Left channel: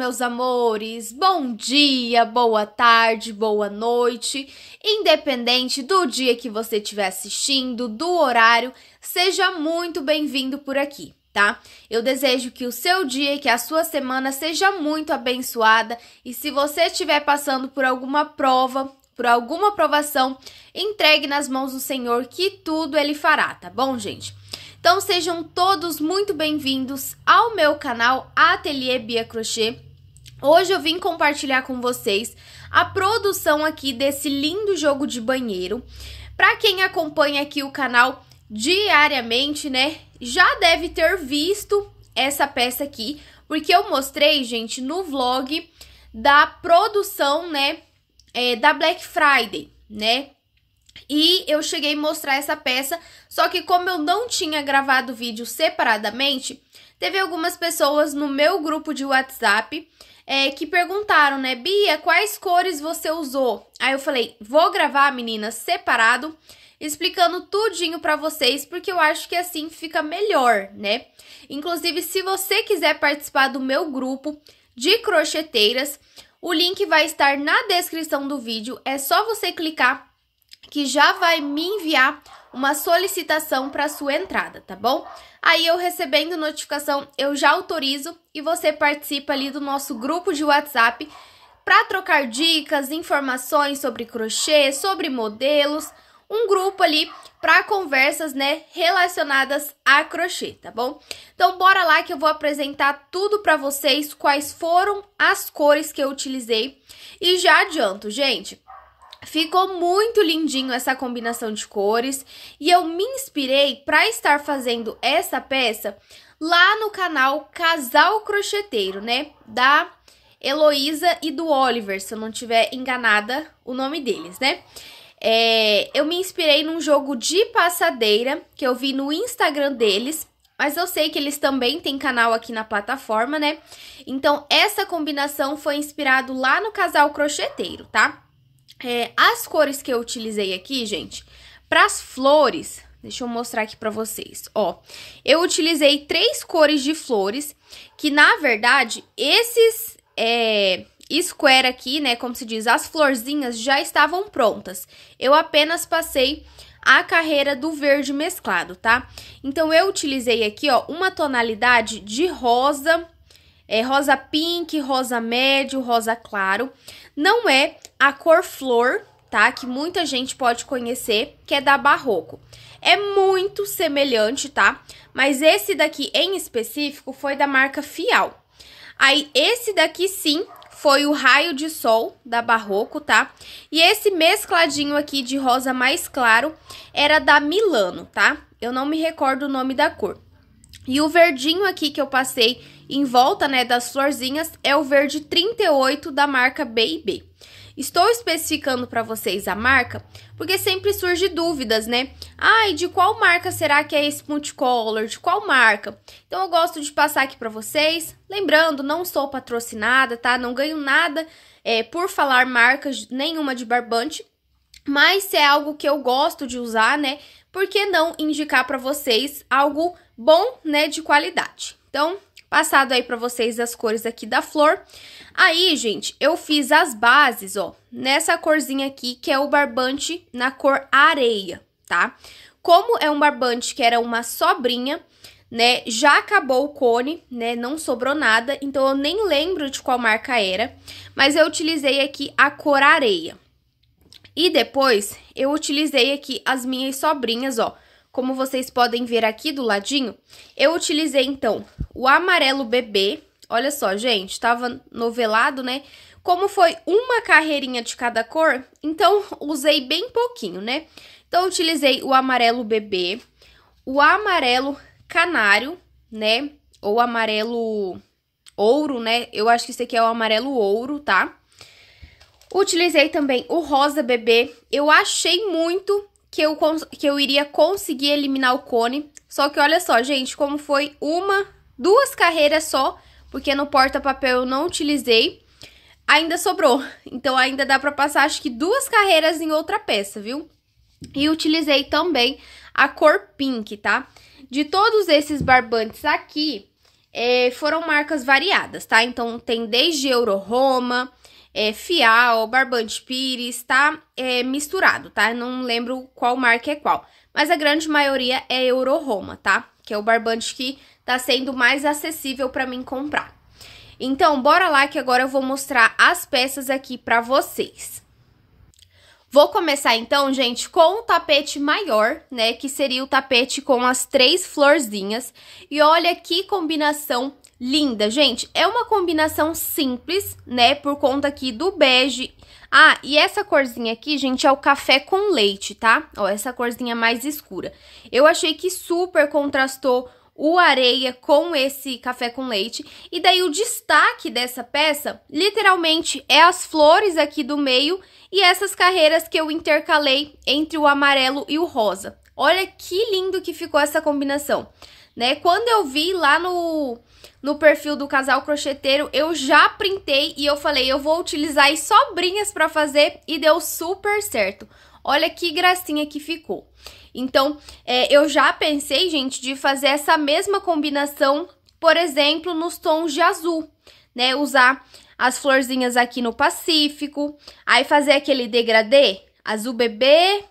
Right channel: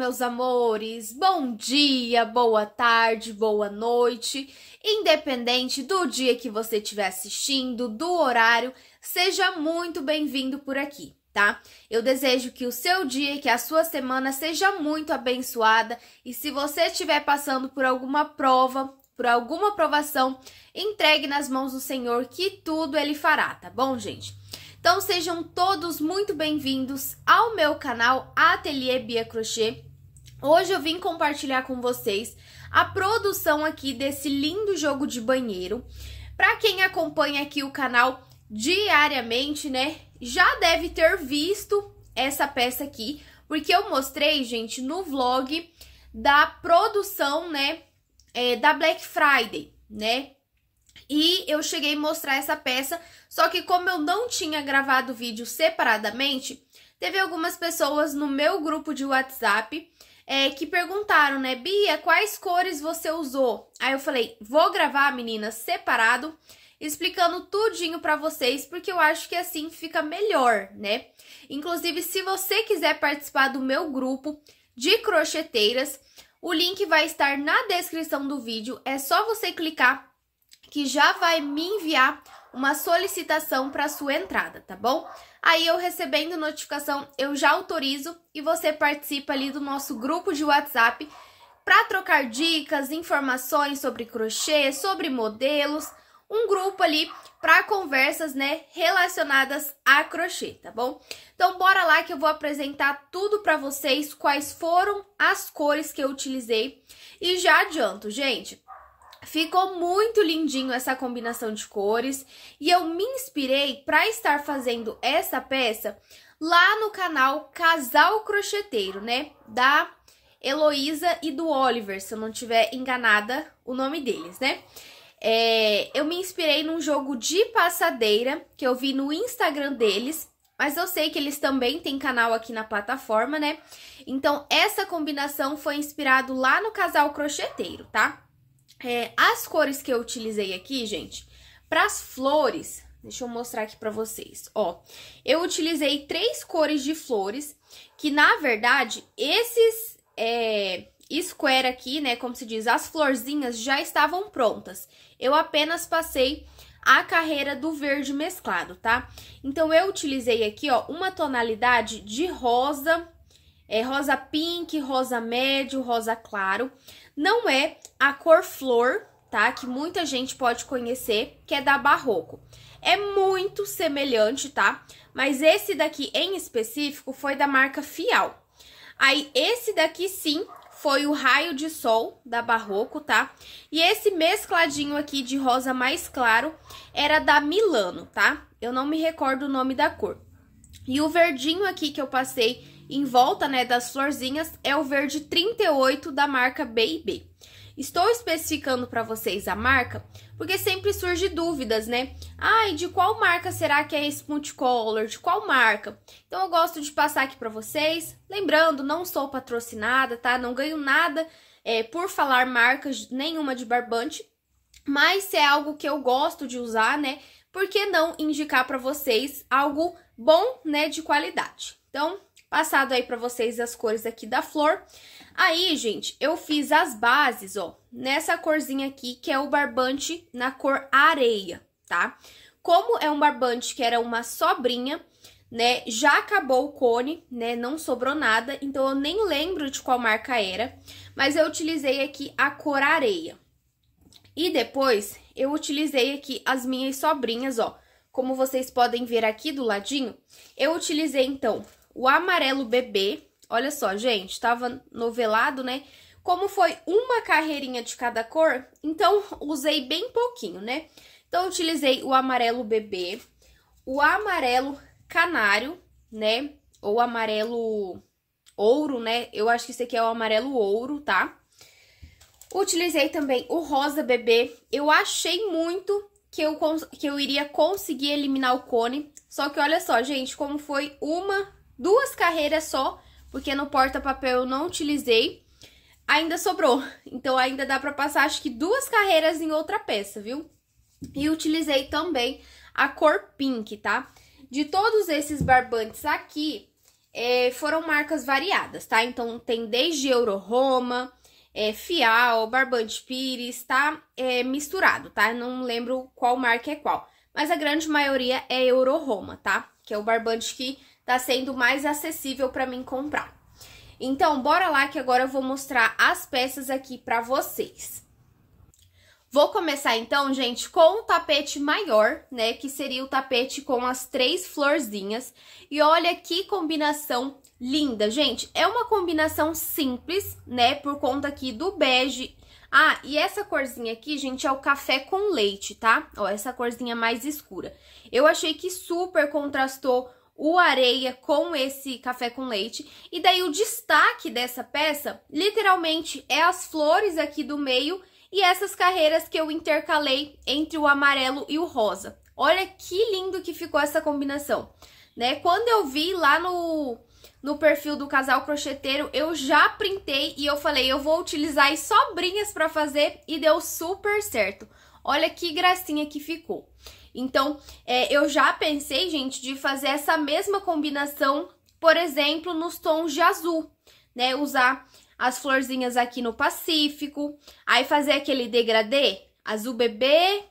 meus amores! Bom dia, boa tarde, boa noite. Independente do dia que você estiver assistindo, do horário, seja muito bem-vindo por aqui, tá? Eu desejo que o seu dia e que a sua semana seja muito abençoada. E se você estiver passando por alguma prova, por alguma provação, entregue nas mãos do Senhor que tudo Ele fará, tá bom, gente? Então, sejam todos muito bem-vindos ao meu canal Ateliê Bia Crochê. Hoje eu vim compartilhar com vocês a produção aqui desse lindo jogo de banheiro. Para quem acompanha aqui o canal diariamente, né, já deve ter visto essa peça aqui, porque eu mostrei, gente, no vlog da produção, né, da Black Friday, né? E eu cheguei a mostrar essa peça, só que como eu não tinha gravado o vídeo separadamente, teve algumas pessoas no meu grupo de WhatsApp que perguntaram, né, Bia, quais cores você usou? Aí eu falei, vou gravar, meninas, separado, explicando tudinho pra vocês, porque eu acho que assim fica melhor, né? Inclusive, se você quiser participar do meu grupo de crocheteiras, o link vai estar na descrição do vídeo, é só você clicar que já vai me enviar uma solicitação para sua entrada, tá bom? Aí eu recebendo notificação, eu já autorizo e você participa ali do nosso grupo de WhatsApp para trocar dicas, informações sobre crochê, sobre modelos, um grupo ali para conversas, né, relacionadas a crochê, tá bom? Então bora lá que eu vou apresentar tudo para vocês, quais foram as cores que eu utilizei e já adianto, gente. Ficou muito lindinho essa combinação de cores e eu me inspirei para estar fazendo essa peça lá no canal Casal Crocheteiro, né? Da Heloísa e do Oliver, se eu não tiver enganada o nome deles, né? Eu me inspirei num jogo de passadeira que eu vi no Instagram deles, mas eu sei que eles também têm canal aqui na plataforma, né? Então, essa combinação foi inspirado lá no Casal Crocheteiro, tá? As cores que eu utilizei aqui, gente, para as flores, deixa eu mostrar aqui para vocês, ó. Eu utilizei 3 cores de flores, que na verdade, esses square aqui, né, como se diz, as florzinhas já estavam prontas. Eu apenas passei a carreira do verde mesclado, tá? Então, eu utilizei aqui, ó, uma tonalidade de rosa, rosa pink, rosa médio, rosa claro. Não é a cor flor, tá? Que muita gente pode conhecer, que é da Barroco. É muito semelhante, tá? Mas esse daqui em específico foi da marca Fial. Aí, esse daqui sim foi o Raio de Sol da Barroco, tá? E esse mescladinho aqui de rosa mais claro era da Milano, tá? Eu não me recordo o nome da cor. E o verdinho aqui que eu passei em volta, né, das florzinhas é o verde 38 da marca B&B. Estou especificando para vocês a marca, porque sempre surge dúvidas, né? Ai, de qual marca será que é esse multicolor? De qual marca? Então, eu gosto de passar aqui para vocês. Lembrando, não sou patrocinada, tá? Não ganho nada por falar marcas nenhuma de barbante, mas se é algo que eu gosto de usar, né? Por que não indicar para vocês algo bom, né, de qualidade? Então, passado aí pra vocês as cores aqui da flor. Aí, gente, eu fiz as bases, ó, nessa corzinha aqui, que é o barbante na cor areia, tá? Como é um barbante que era uma sobrinha, né, já acabou o cone, né, não sobrou nada, então eu nem lembro de qual marca era, mas eu utilizei aqui a cor areia. E depois, eu utilizei aqui as minhas sobrinhas, ó. Como vocês podem ver aqui do ladinho, eu utilizei, então, o amarelo bebê. Olha só, gente, tava novelado, né? Como foi uma carreirinha de cada cor, então, usei bem pouquinho, né? Então, eu utilizei o amarelo bebê, o amarelo canário, né? Ou amarelo ouro, né? Eu acho que esse aqui é o amarelo ouro, tá? Utilizei também o rosa bebê. Eu achei muito que eu iria conseguir eliminar o cone. Só que olha só, gente, como foi duas carreiras só, porque no porta-papel eu não utilizei, ainda sobrou. Então, ainda dá pra passar, acho que 2 carreiras em outra peça, viu? E utilizei também a cor pink, tá? De todos esses barbantes aqui, foram marcas variadas, tá? Então, tem desde Euro Roma, Fial, Barbante Pires, tá? Misturado, tá? Não lembro qual marca é qual. Mas a grande maioria é Euro Roma, tá? Que é o barbante que tá sendo mais acessível pra mim comprar. Então, bora lá que agora eu vou mostrar as peças aqui pra vocês. Vou começar então, gente, com o tapete maior, né? Que seria o tapete com as 3 florzinhas. E olha que combinação linda, gente. É uma combinação simples, né? Por conta aqui do bege. Ah, e essa corzinha aqui, gente, é o café com leite, tá? Ó, essa corzinha mais escura. Eu achei que super contrastou o areia com esse café com leite. E daí o destaque dessa peça, literalmente, é as flores aqui do meio e essas carreiras que eu intercalei entre o amarelo e o rosa. Olha que lindo que ficou essa combinação, né? Quando eu vi lá no perfil do Casal Crocheteiro, eu já printei e eu falei, eu vou utilizar as sobrinhas para fazer e deu super certo. Olha que gracinha que ficou. Então, eu já pensei, gente, de fazer essa mesma combinação, por exemplo, nos tons de azul, né? Usar as florzinhas aqui no Pacífico, aí fazer aquele degradê, azul bebê,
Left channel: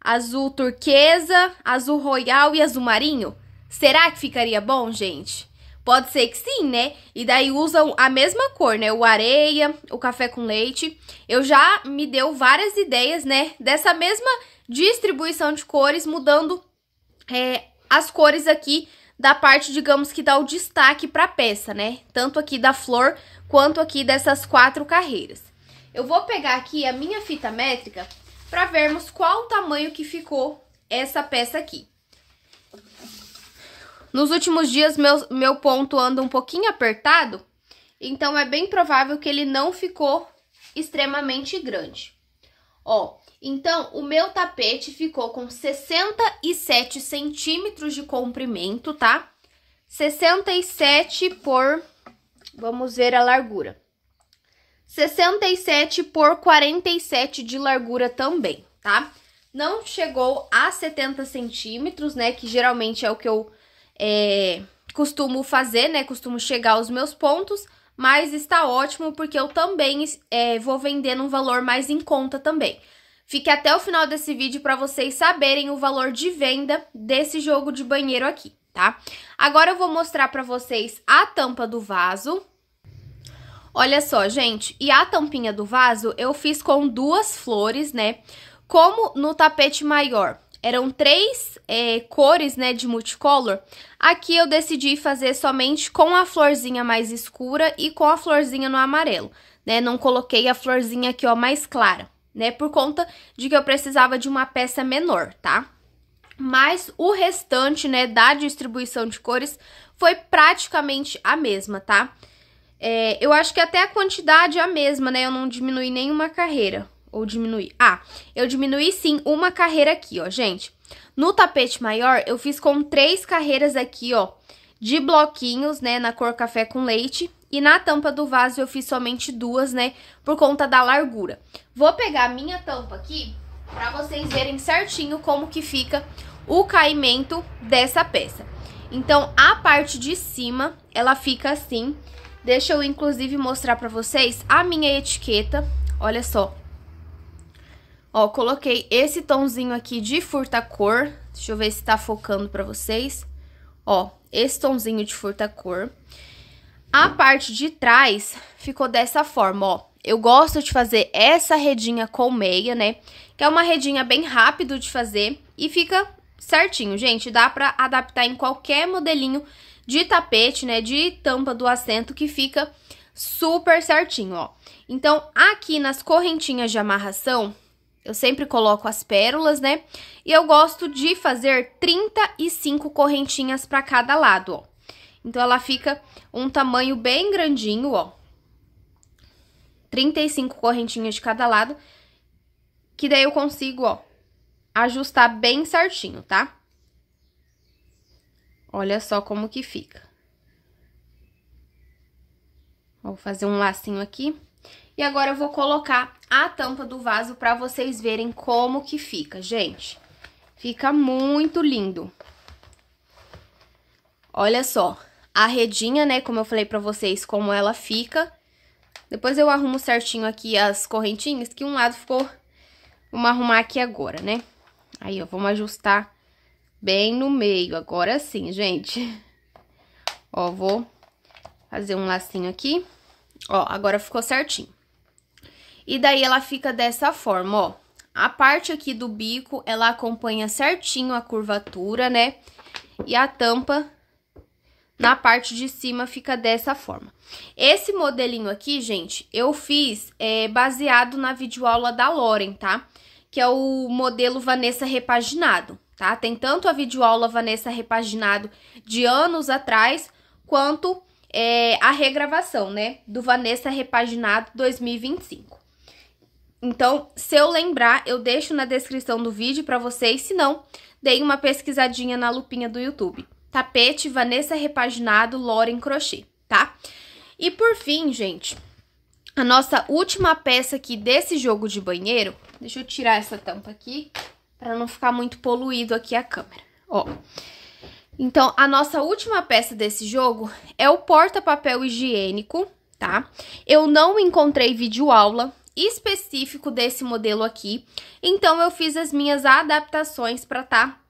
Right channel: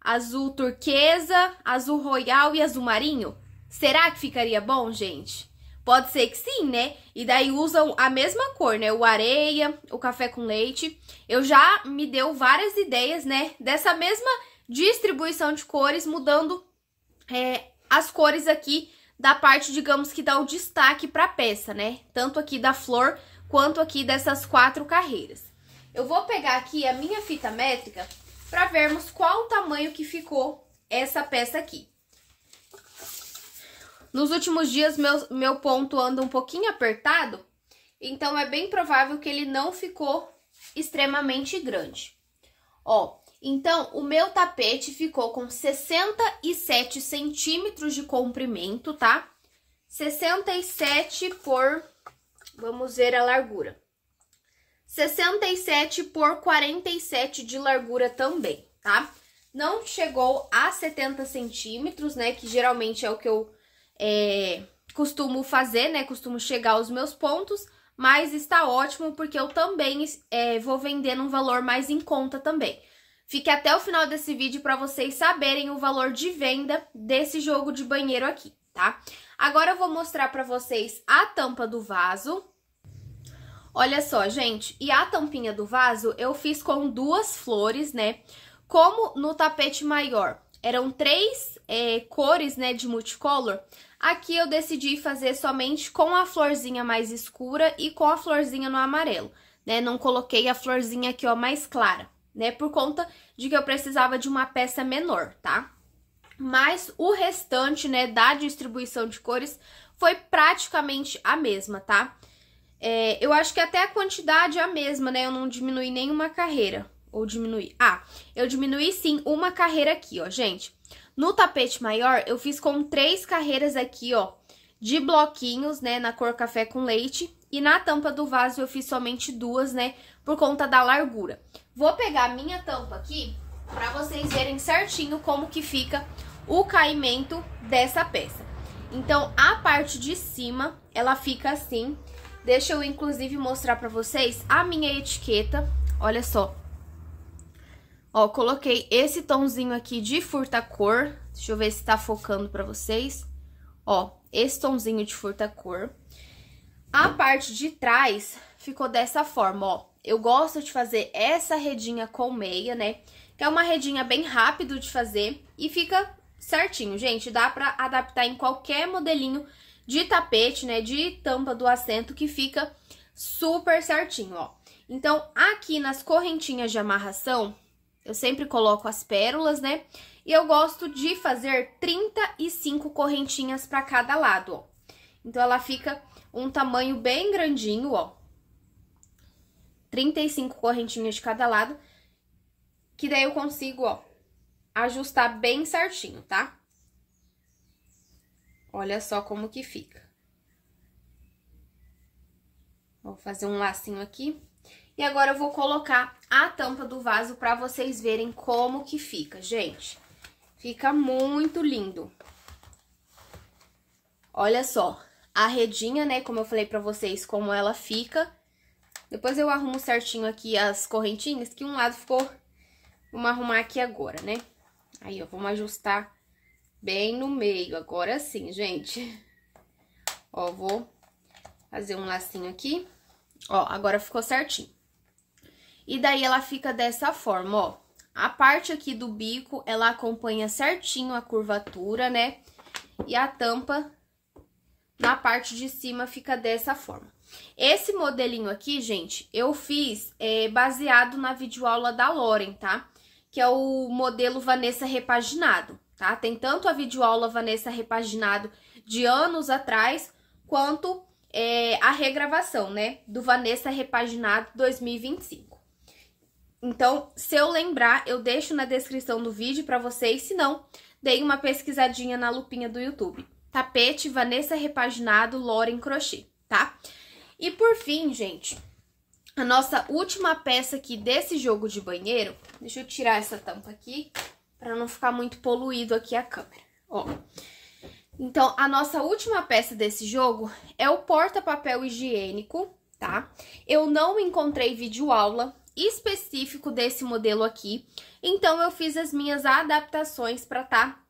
azul turquesa, azul royal e azul marinho. Será que ficaria bom, gente? Pode ser que sim, né? E daí usam a mesma cor, né? O areia, o café com leite. Eu já me deu várias ideias, né? Dessa mesma distribuição de cores, mudando as cores aqui da parte, digamos, que dá o destaque para a peça, né? Tanto aqui da flor quanto aqui dessas 4 carreiras. Eu vou pegar aqui a minha fita métrica para vermos qual o tamanho que ficou essa peça aqui. Nos últimos dias, meu ponto anda um pouquinho apertado, então é bem provável que ele não ficou extremamente grande. Ó, então, o meu tapete ficou com 67 centímetros de comprimento, tá? 67 por... Vamos ver a largura. 67 por 47 de largura também, tá? Não chegou a 70 centímetros, né? Que geralmente é o que eu costumo fazer, né? Costumo chegar aos meus pontos, mas está ótimo porque eu também vou vender num valor mais em conta também. Fique até o final desse vídeo para vocês saberem o valor de venda desse jogo de banheiro aqui, tá? Agora eu vou mostrar para vocês a tampa do vaso. Olha só, gente, e a tampinha do vaso eu fiz com 2 flores, né? Como no tapete maior eram 3 cores, né, de multicolor, aqui eu decidi fazer somente com a florzinha mais escura e com a florzinha no amarelo, né? Não coloquei a florzinha aqui, ó, mais clara, né? Por conta de que eu precisava de uma peça menor, tá? Mas o restante, né, da distribuição de cores foi praticamente a mesma, tá? Eu acho que até a quantidade é a mesma, né? Eu não diminui nenhuma carreira. Ou diminuí? Ah, eu diminuí sim uma carreira aqui, ó, gente. No tapete maior, eu fiz com 3 carreiras aqui, ó, de bloquinhos, né, na cor café com leite. E na tampa do vaso eu fiz somente 2, né, por conta da largura. Vou pegar a minha tampa aqui pra vocês verem certinho como que fica o caimento dessa peça. Então, a parte de cima, ela fica assim. Deixa eu, inclusive, mostrar pra vocês a minha etiqueta. Olha só. Ó, coloquei esse tomzinho aqui de furta-cor. Deixa eu ver se tá focando pra vocês. Ó, esse tomzinho de furta-cor. A parte de trás ficou dessa forma, ó. Eu gosto de fazer essa redinha com meia, né? Que é uma redinha bem rápido de fazer e fica certinho, gente. Dá pra adaptar em qualquer modelinho de tapete, né? De tampa do assento que fica super certinho, ó. Então, aqui nas correntinhas de amarração, eu sempre coloco as pérolas, né? E eu gosto de fazer 35 correntinhas pra cada lado, ó. Então, ela fica um tamanho bem grandinho, ó. 35 correntinhas de cada lado, que daí eu consigo, ó, ajustar bem certinho, tá? Olha só como que fica. Vou fazer um lacinho aqui. E agora eu vou colocar a tampa do vaso pra vocês verem como que fica, gente. Fica muito lindo. Olha só. a redinha, né? Como eu falei pra vocês, como ela fica. Depois eu arrumo certinho aqui as correntinhas, que um lado ficou... Vamos arrumar aqui agora, né? Aí, ó, vamos ajustar bem no meio. Agora sim, gente. Ó, vou fazer um lacinho aqui. Ó, agora ficou certinho. E daí, ela fica dessa forma, ó. A parte aqui do bico, ela acompanha certinho a curvatura, né? E a tampa, na parte de cima, fica dessa forma. Esse modelinho aqui, gente, eu fiz baseado na videoaula da Lauren, tá? Que é o modelo Vanessa Repaginado, tá? Tem tanto a videoaula Vanessa Repaginado de anos atrás, quanto a regravação, né? Do Vanessa Repaginado 2025. Então, se eu lembrar, eu deixo na descrição do vídeo pra vocês, se não, deem uma pesquisadinha na lupinha do YouTube. Tapete Vanessa Repaginado Lauren Crochê, tá? E por fim, gente, a nossa última peça aqui desse jogo de banheiro... Deixa eu tirar essa tampa aqui, pra não ficar muito poluído aqui a câmera, ó. Então, a nossa última peça desse jogo é o porta-papel higiênico, tá? Eu não encontrei videoaula específico desse modelo aqui, então eu fiz as minhas adaptações pra tá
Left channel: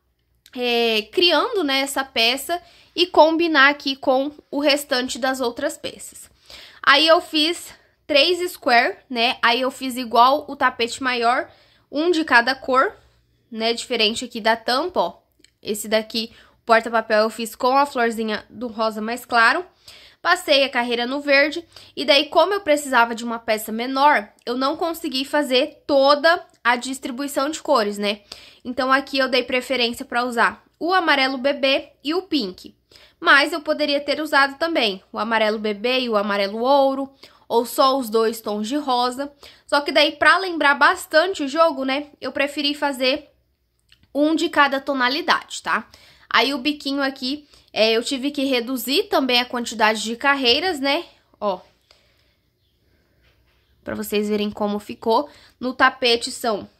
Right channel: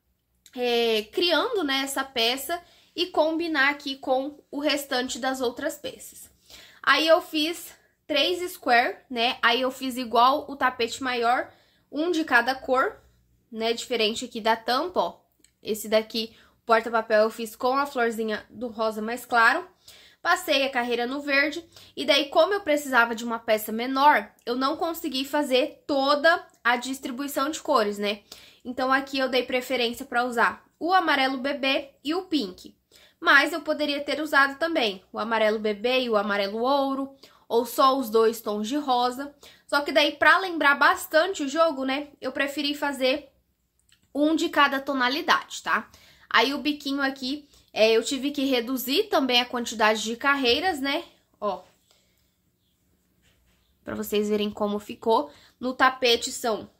criando, né, essa peça e combinar aqui com o restante das outras peças. Aí eu fiz 3 square, né? Aí eu fiz igual o tapete maior, um de cada cor, né? Diferente aqui da tampa, ó. Esse daqui, o porta-papel, eu fiz com a florzinha do rosa mais claro. Passei a carreira no verde. E daí, como eu precisava de uma peça menor, eu não consegui fazer toda a distribuição de cores, né? Então, aqui eu dei preferência para usar o amarelo bebê e o pink. Mas eu poderia ter usado também o amarelo bebê e o amarelo ouro, ou só os 2 tons de rosa. Só que daí, pra lembrar bastante o jogo, né, eu preferi fazer um de cada tonalidade, tá? Aí, o biquinho aqui, eu tive que reduzir também a quantidade de carreiras, né, ó. Pra vocês verem como ficou. No tapete são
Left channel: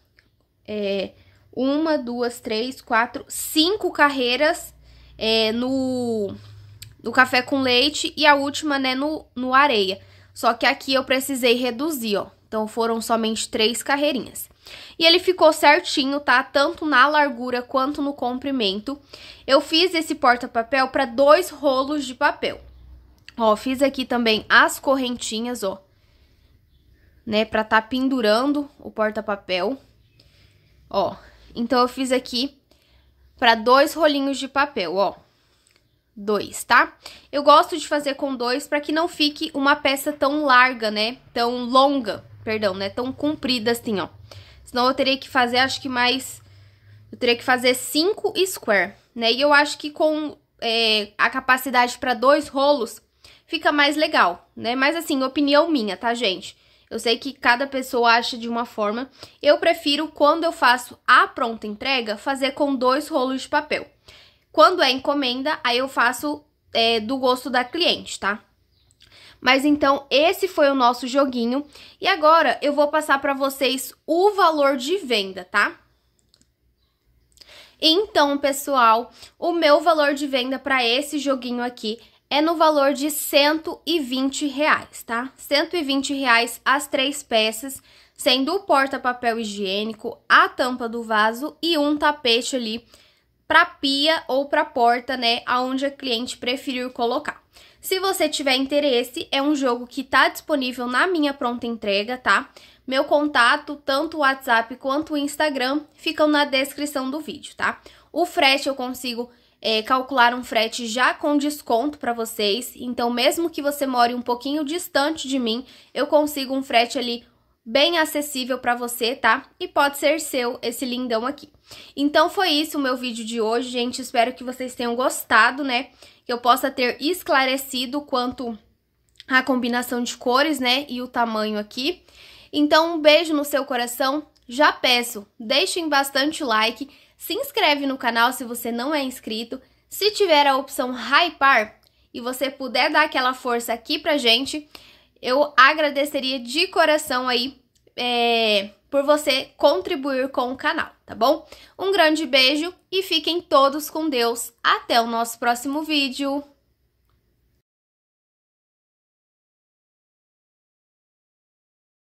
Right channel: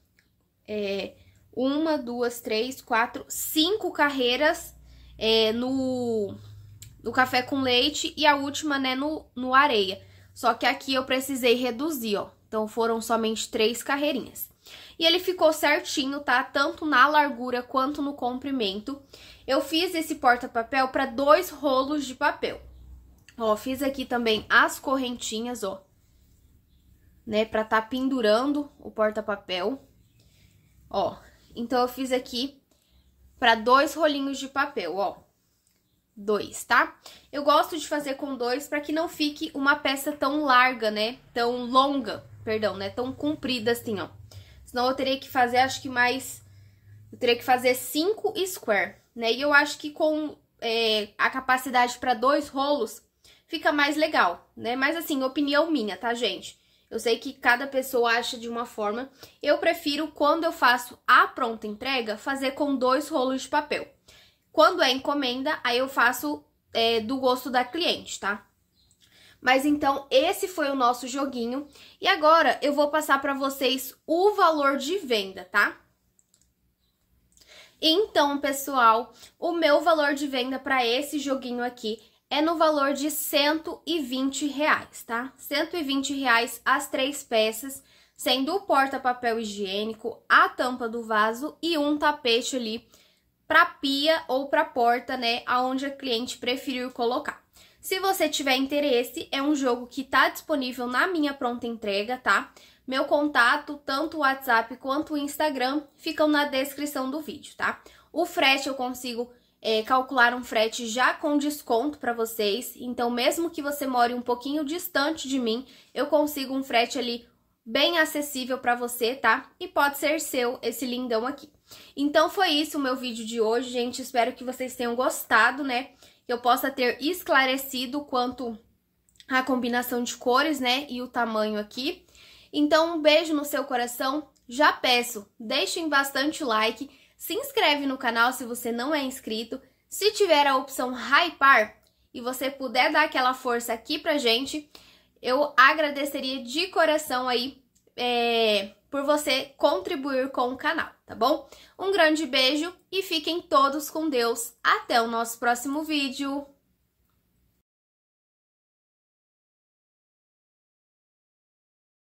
1, 2, 3, 4, 5 carreiras no café com leite e a última, né, no areia. Só que aqui eu precisei reduzir, ó. Então, foram somente 3 carreirinhas. E ele ficou certinho, tá? Tanto na largura quanto no comprimento. Eu fiz esse porta-papel para 2 rolos de papel. Ó, fiz aqui também as correntinhas, ó. Né? Pra tá pendurando o porta-papel. Ó, então eu fiz aqui para 2 rolinhos de papel, ó. 2, tá? Eu gosto de fazer com 2 para que não fique uma peça tão larga, né? Tão longa, perdão, né? Tão comprida assim, ó. Senão eu teria que fazer, acho que mais... Eu teria que fazer 5 square, né? E eu acho que com a capacidade para 2 rolos fica mais legal, né? Mas assim, opinião minha, tá, gente? Eu sei que cada pessoa acha de uma forma. Eu prefiro, quando eu faço a pronta entrega, fazer com 2 rolos de papel. Quando é encomenda, aí eu faço do gosto da cliente, tá? Mas então, esse foi o nosso joguinho. E agora, eu vou passar pra vocês o valor de venda, tá? Então, pessoal, o meu valor de venda pra esse joguinho aqui é no valor de R$120, tá? R$120 as 3 peças, sendo o porta-papel higiênico, a tampa do vaso e um tapete ali para pia ou para porta, né, aonde a cliente preferir colocar. Se você tiver interesse, é um jogo que tá disponível na minha pronta entrega, tá? Meu contato, tanto o WhatsApp quanto o Instagram, ficam na descrição do vídeo, tá? O frete eu consigo calcular um frete já com desconto para vocês, então mesmo que você more um pouquinho distante de mim, eu consigo um frete ali bem acessível para você, tá? E pode ser seu esse lindão aqui. Então, foi isso o meu vídeo de hoje, gente. Espero que vocês tenham gostado, né? Que eu possa ter esclarecido quanto à combinação de cores, né? E o tamanho aqui. Então, um beijo no seu coração. Já peço, deixem bastante like. Se inscreve no canal se você não é inscrito. Se tiver a opção hypar e você puder dar aquela força aqui pra gente, eu agradeceria de coração aí por você contribuir com o canal, tá bom? Um grande beijo e fiquem todos com Deus. Até o nosso próximo vídeo.